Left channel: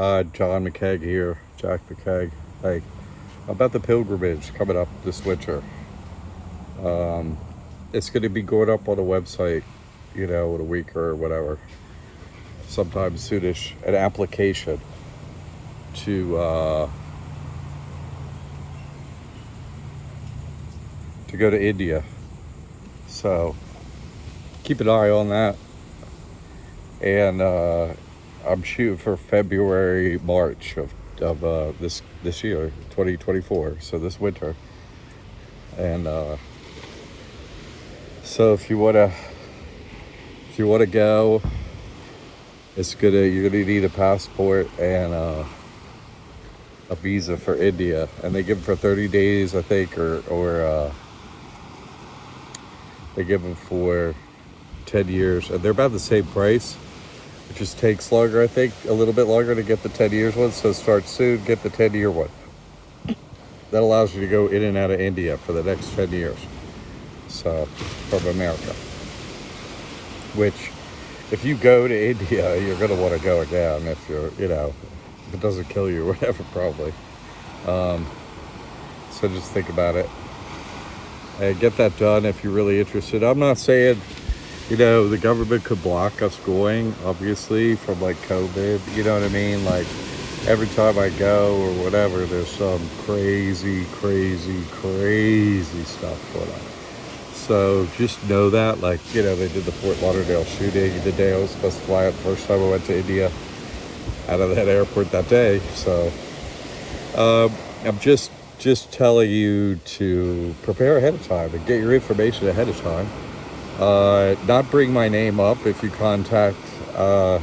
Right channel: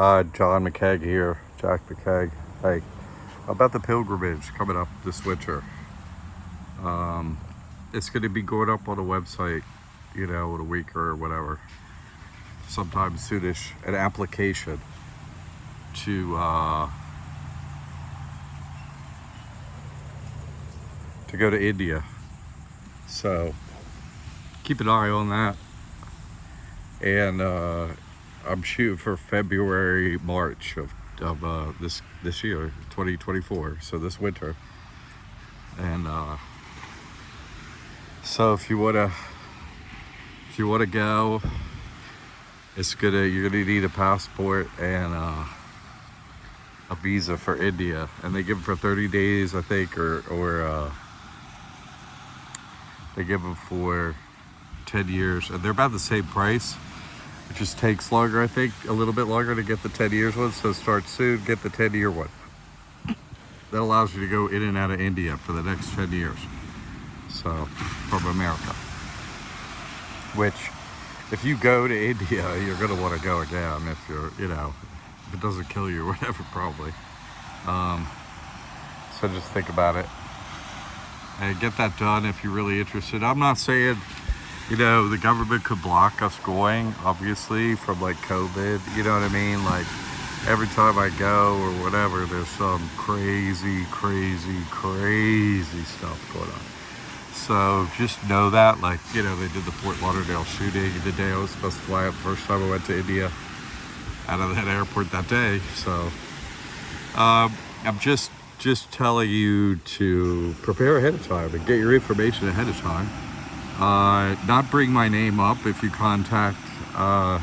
John McKeag here, Jack McKeag. Like, about the pilgrimage coming up this winter. It's going to be going up on a website, in a week or whatever, sometime soonish. An application to go to India. So keep an eye on that. And I'm shooting for February, March of this year, 2024. So this winter. And so if you wanna go, you're gonna need a passport and a visa for India, and they give them for 30 days, I think, or they give them for 10 years, and they're about the same price. It just takes longer, I think, a little bit longer to get the 10 years one. So start soon, get the 10-year one. That allows you to go in and out of India for the next 10 years. So, from America. Which, if you go to India, you're going to want to go again if you're, if it doesn't kill you or whatever, probably. So just think about it. And get that done if you're really interested. I'm not saying, the government could block us going, obviously, from like COVID, you know what I mean? Like, every time I go or whatever, there's some crazy stuff going on. So just know that, like, they did the Fort Lauderdale shooting the day I was supposed to fly out the first time I went to India, out of that airport that day. So I'm just telling you to prepare ahead of time and get your information ahead of time. Not bring my name up if you contact, to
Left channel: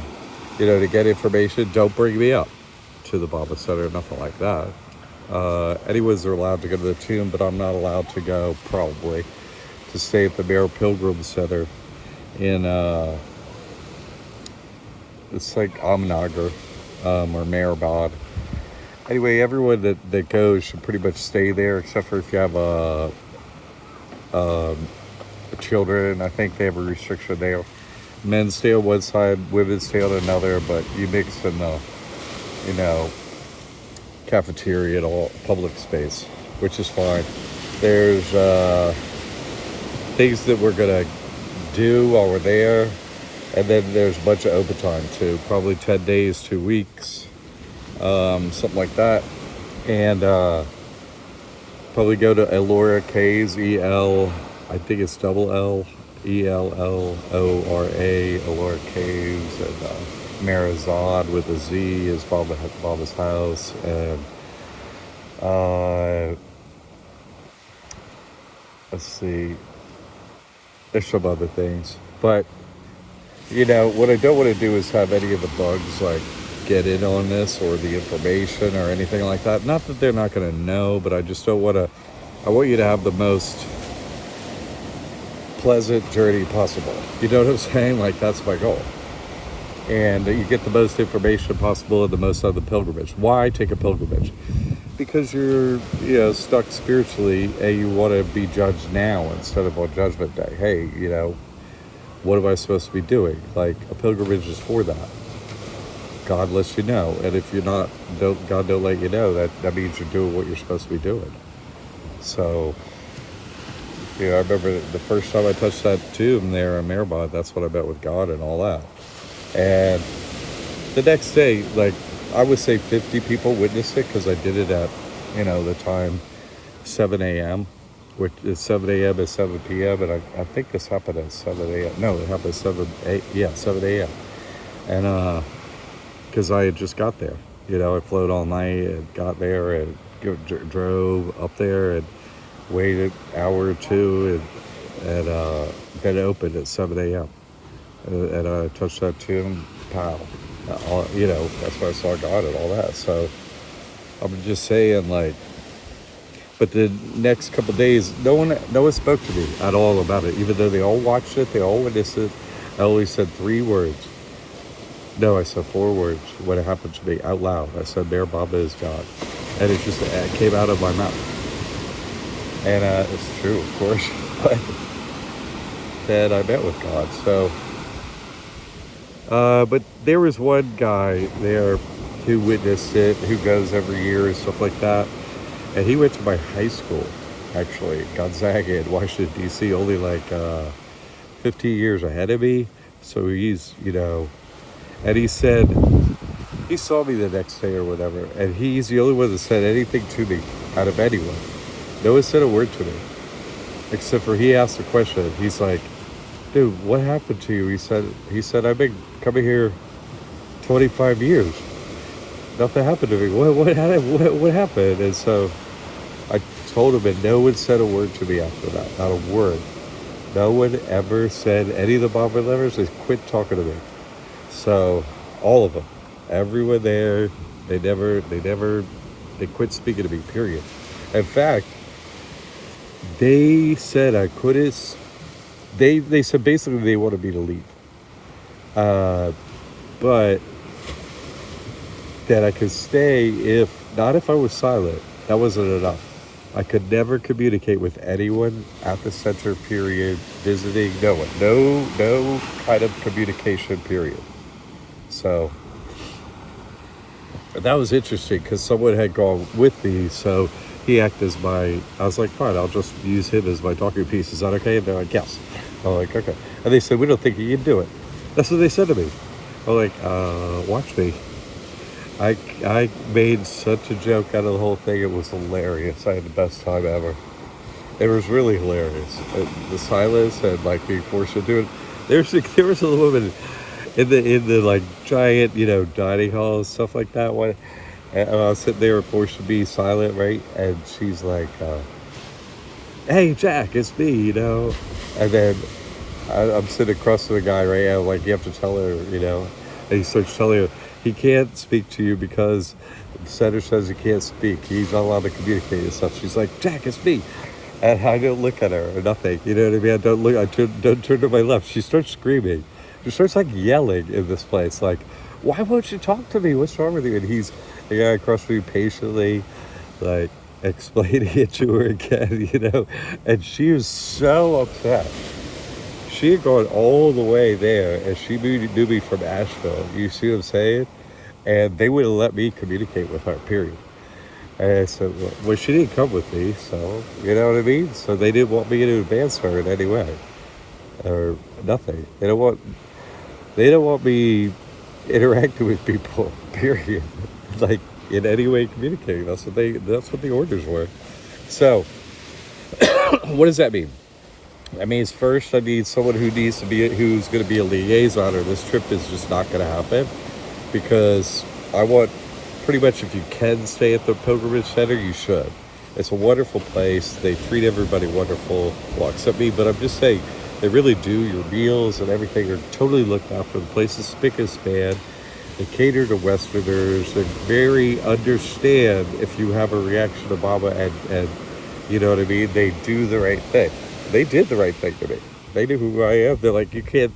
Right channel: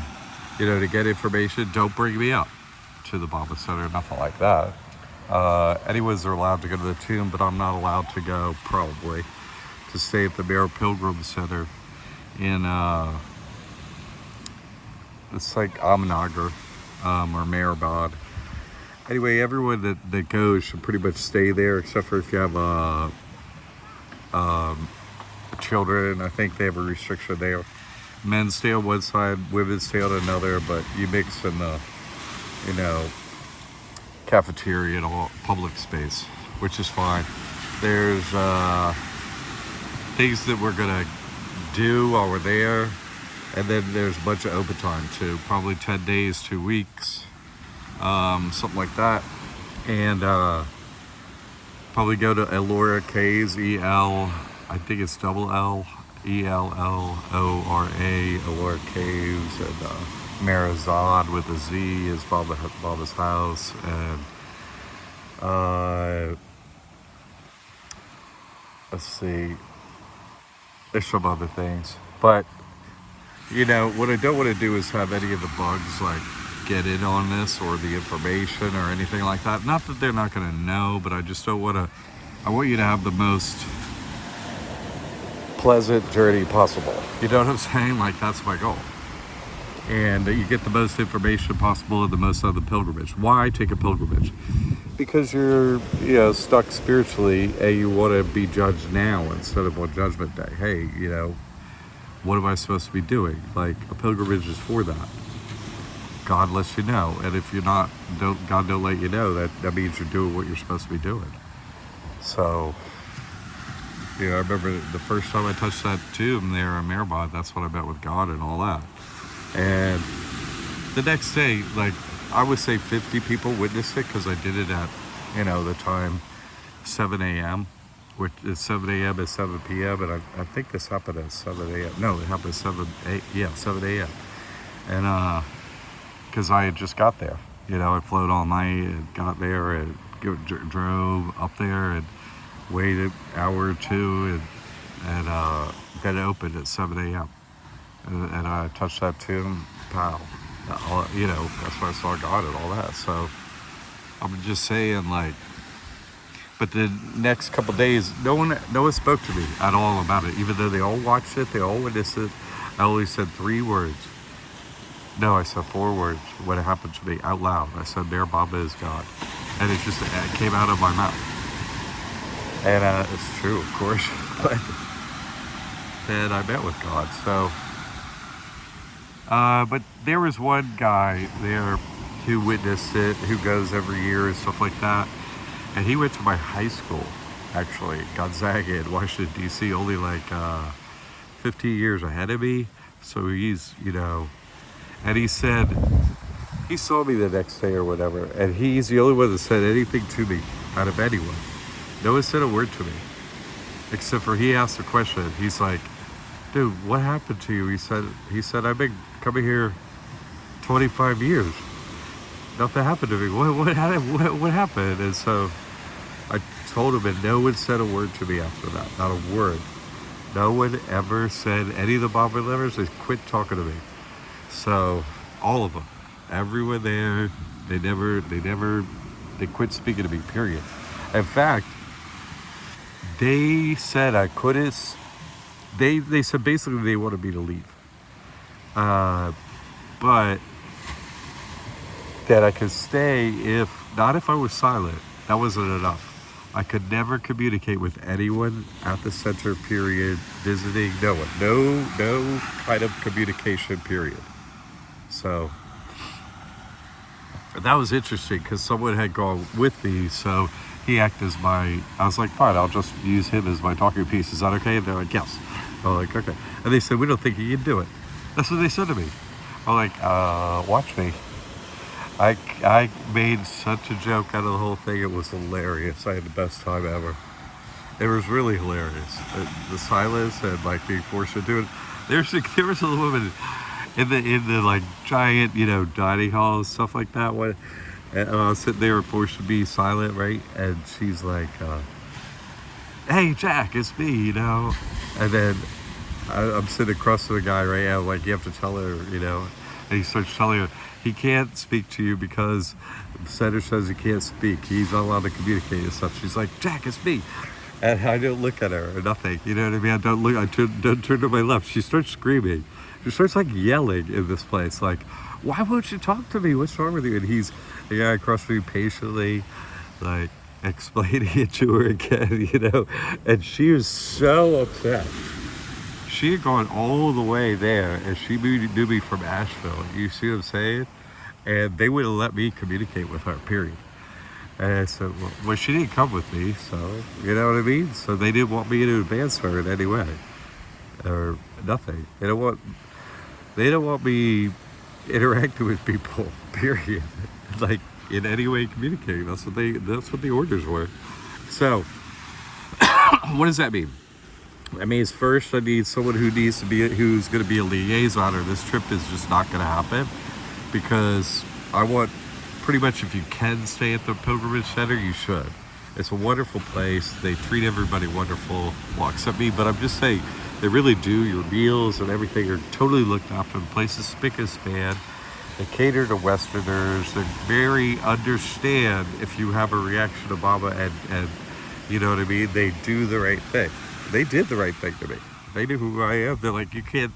get information. Don't bring me up to the Baba Center, nothing like that. Anyone's are allowed to go to the tomb, but I'm not allowed to go, probably, to stay at the Mare Pilgrim Center in, it's like Ahmednagar, or Mehrabad. Anyway, everyone that goes should pretty much stay there, except for if you have children. I think they have a restriction there. Men stay on one side, women stay on another, but you mix in the, cafeteria and all public space, which is fine. There's things that we're gonna do while we're there, and then there's a bunch of overtime too, probably 10 days, 2 weeks, something like that. And probably go to Ellora Caves, I think it's double L, Ellora, Ellora Caves, and Marazad with a Z is Baba's house, and let's see, there's some other things. But, what I don't want to do is have any of the bugs, like, get in on this or the information or anything like that. Not that they're not going to know, but I just don't want to. I want you to have the most pleasant journey possible. You know what I'm saying? Like, that's my goal. And you get the most information possible and the most out of the pilgrimage. Why take a pilgrimage? Because you're, stuck spiritually, and you want to be judged now instead of on Judgment Day. Hey, what am I supposed to be doing? Like, a pilgrimage is for that. God lets you know, and if you're not, God don't let you know, that means you're doing what you're supposed to be doing. So, I remember the first time I touched that tomb there in Mehrabad, that's when I met with God and all that. And the next day, like, I would say 50 people witnessed it, because I did it at, the time 7 a.m., which is 7 a.m. and 7 p.m., and I think this happened at 7 a.m. No, it happened at 7 a.m. And, because I had just got there. I flown all night and got there and drove up there and waited an hour or two, and got it opened at 7 a.m. And I touched that tomb, pow. That's where I saw God and all that. So I'm just saying, like, but the next couple of days, no one spoke to me at all about it, even though they all watched it, they all witnessed it. I only said 3 words. No, I said 4 words when it happened to me out loud. I said, "There, Baba is God," and it came out of my mouth. And it's true, of course. But I met with God. So, but there was one guy there. who witnessed it, who goes every year and stuff like that. And he went to my high school, actually, Gonzaga in Washington, D.C., only like 15 years ahead of me. So he's, and he said, he saw me the next day or whatever, and he's the only one that said anything to me out of anyone. No one said a word to me, except for he asked a question. He's like, dude, what happened to you? He said, I've been coming here 25 years. Nothing happened to me. What happened? And so I told him, and no one said a word to me after that. Not a word. No one ever said any of the Baba lovers. They quit talking to me. So all of them, everyone there, they quit speaking to me. Period. In fact, they said I couldn't. They said basically they wanted me to leave, but that I could stay if I was silent. That wasn't enough. I could never communicate with anyone at the center, period, visiting, no one. No kind of communication, period. So that was interesting because someone had gone with me, so he acted as I was like, fine, I'll just use him as my talking piece. Is that okay? And they're like, yes. I'm like, okay. And they said, we don't think you can do it. That's what they said to me. I'm like, watch me. I made such a joke out of the whole thing. It was hilarious. I had the best time ever. It was really hilarious. The silence and like being forced to do it. There was a woman in the like giant, dining hall and stuff like that. And I was sitting there forced to be silent, right? And she's like, hey, Jack, it's me, And then I'm sitting across from the guy, right? And like, you have to tell her, And he starts telling her, he can't speak to you because the center says he can't speak. He's not allowed to communicate and stuff. She's like, Jack, it's me. And I don't look at her or nothing. You know what I mean? I don't look. I don't turn to my left. She starts screaming. She starts like yelling in this place. Like, why won't you talk to me? What's wrong with you? And he's the guy across from me patiently, like, explaining it to her again, And she was so upset. She had gone all the way there, and she knew me from Asheville. You see what I'm saying? And they wouldn't let me communicate with her, period. And so, well, she didn't come with me, so, you know what I mean? So they didn't want me to advance her in any way, or nothing. They don't want me interacting with people, period. Like, in any way communicating. That's what the orders were. So, what does that mean? That means first I need someone who's going to be a liaison, or this trip is just not going to happen, because I want, pretty much, if you can stay at the Pilgrimage Center, you should. It's a wonderful place. They treat everybody wonderful, well, except me, but I'm just saying, they really do. Your meals and everything are totally looked after. The place is spick and span. They cater to Westerners. They're very understand if you have a reaction to Baba, and you know what I mean? They do the right thing. They did the right thing to me. They knew who I am. They're like, they're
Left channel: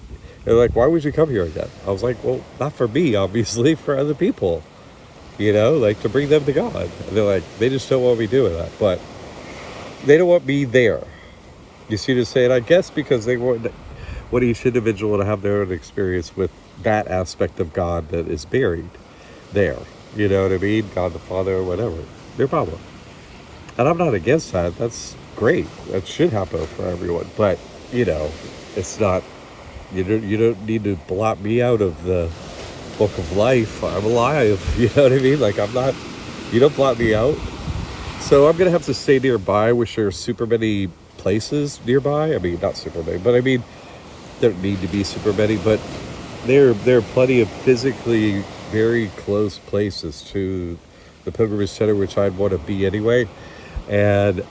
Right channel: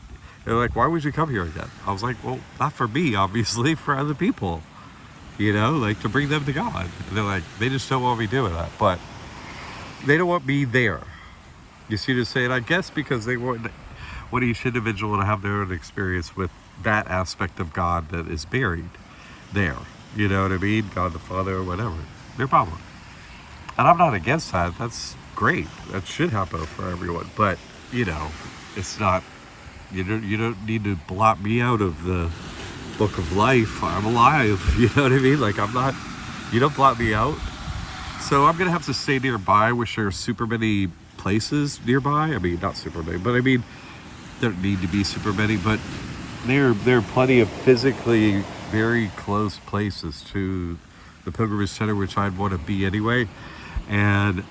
like, why would you come here again? I was like, well, not for me, obviously, for other people, like to bring them to God. And they're like, they just don't want me doing that. But they don't want me there. You see what I'm saying? I guess because they want each individual to have their own experience with that aspect of God that is buried there. You know what I mean? God the Father or whatever. Their problem. And I'm not against that. That's great. That should happen for everyone. But, it's not, you don't need to blot me out of the book of life. I'm alive. You know what I mean? Like, I'm not, you don't blot me out. So I'm going to have to stay nearby, which there are super many places nearby. I mean, not super many, but I mean, there don't need to be super many, but there are plenty of physically very close places to the Pilgrimage Center, which I'd want to be anyway. And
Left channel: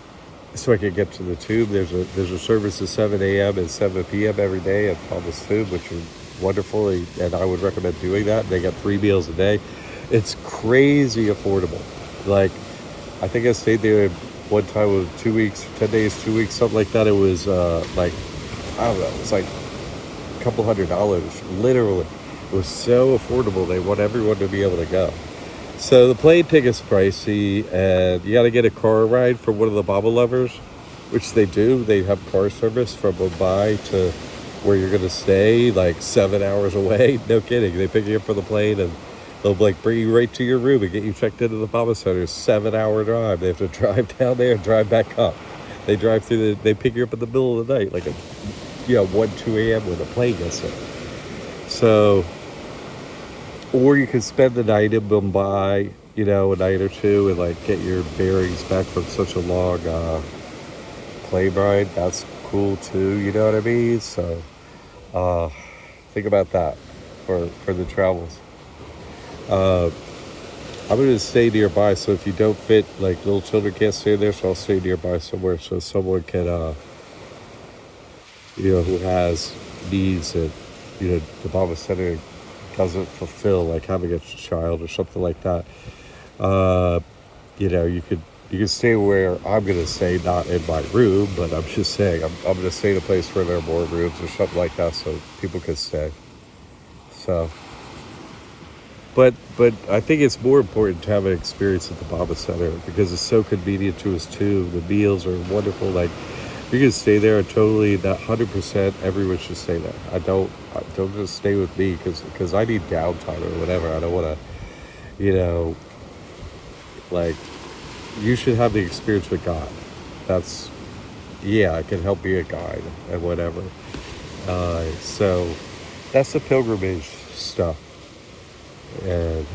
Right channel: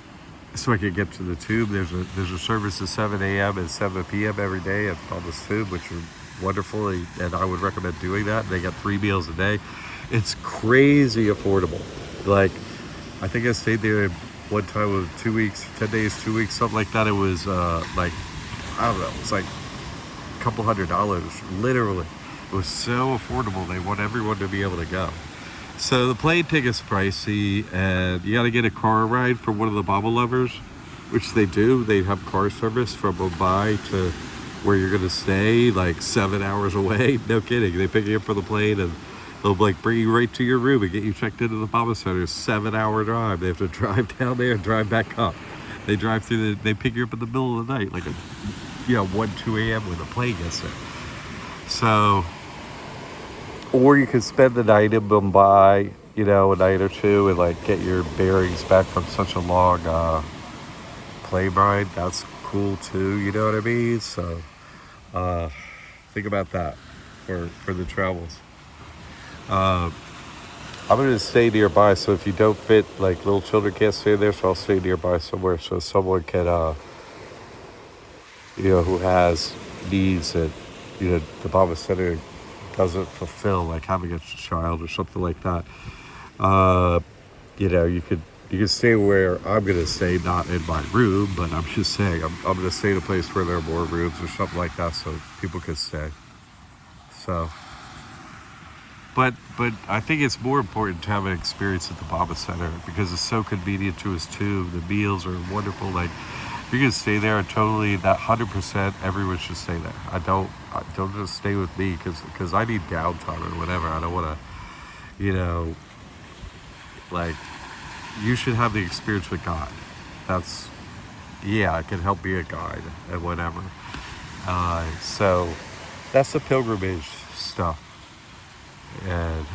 so I can get to the Tube. There's a service at 7 a.m. and 7 p.m. every day at Thomas Tube, which is wonderful, and I would recommend doing that. They got 3 meals a day. It's crazy affordable. Like, I think I stayed there one time with 2 weeks, 10 days, 2 weeks, something like that. It was like, I don't know, it was like a couple $100, literally. It was so affordable. They want everyone to be able to go. So the plane ticket's pricey, and you got to get a car ride from one of the Baba lovers, which they do. They have car service from Mumbai to where you're going to stay, like 7 hours away. No kidding. They pick you up from the plane, and They'll like bring you right to your room and get you checked into the Obama Center. 7-hour drive. They have to drive down there and drive back up. They drive through they pick you up in the middle of the night, like 1, 2 a.m. when the plane gets there. So, or you can spend the night in Mumbai, a night or two, and like get your bearings back from such a long plane ride. That's cool too, you know what I mean? So, think about that for the travels. I'm going to stay nearby, so if you don't fit, like little children can't stay there, so I'll stay nearby somewhere so someone can, who has needs that, the Obama Center doesn't fulfill, like having a child or something like that. You can stay where I'm going to stay, not in my room, but I'm just saying, I'm going to stay in a place where there are more rooms or something like that so people can stay. So... But I think it's more important to have an experience at the Obama Center because it's so convenient to us too. The meals are wonderful. Like you can stay there and totally that 100% everyone should stay there. Don't just stay with me because I need downtime or whatever. I don't want to, like you should have the experience with God. I can help be a guide and whatever. So that's the pilgrimage stuff. And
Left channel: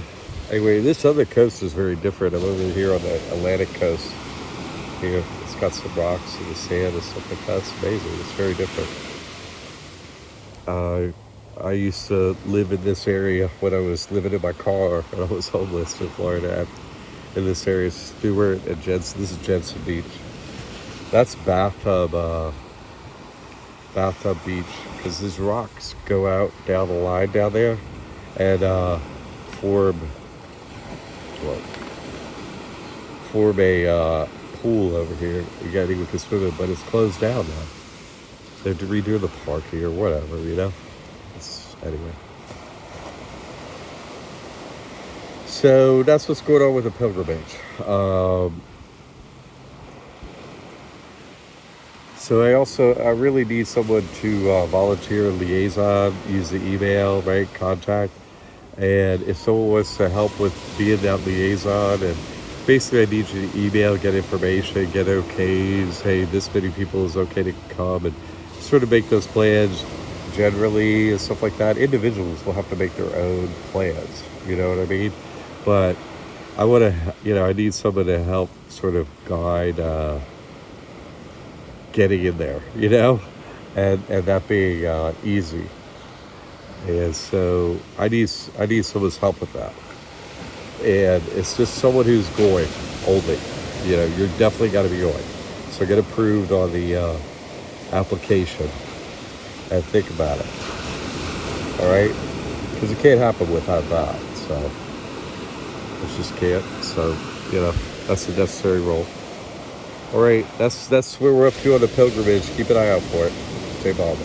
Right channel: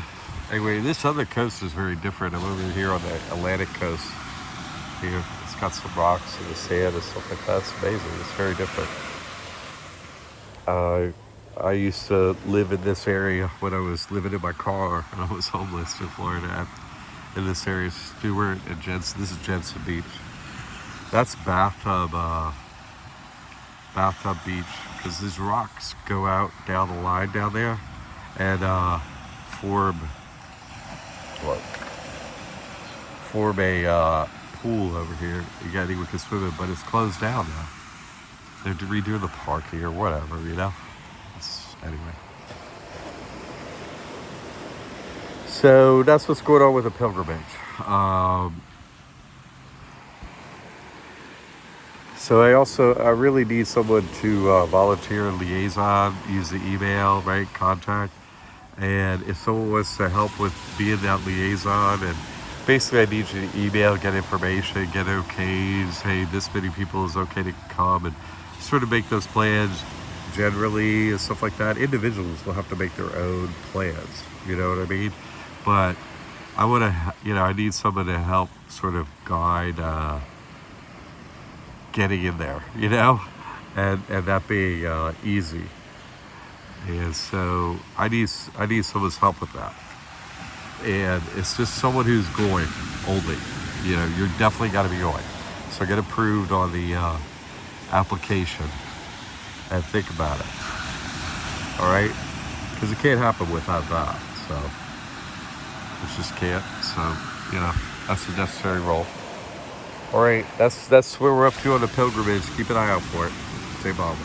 anyway, this other coast is very different. I'm over here on the Atlantic coast. Here, it's got some rocks and the sand and stuff like that. It's amazing. It's very different. I used to live in this area when I was living in my car and I was homeless in Florida. In this area, Stewart and Jensen. This is Jensen Beach. That's Bathtub Beach because these rocks go out down the line down there and form a pool over here. You got anyone can swim in, but it's closed down now. They're redoing the park here, whatever, anyway. So that's what's going on with the pilgrimage. So I really need someone to volunteer liaison, use the email, right, contact. And if someone wants to help with being that liaison, and basically I need you to email, get information, get okays, hey, this many people is okay to come, and sort of make those plans generally and stuff like that. Individuals will have to make their own plans, you know what I mean? But I want to, I need someone to help sort of guide getting in there, and that being easy. And so I need someone's help with that. And it's just someone who's going only. You're definitely got to be going. So get approved on the application and think about it. All right? Because it can't happen without that. So it just can't. So, that's the necessary role. All right, that's where we're up to on the pilgrimage. Keep an eye out for it. Stay Bob.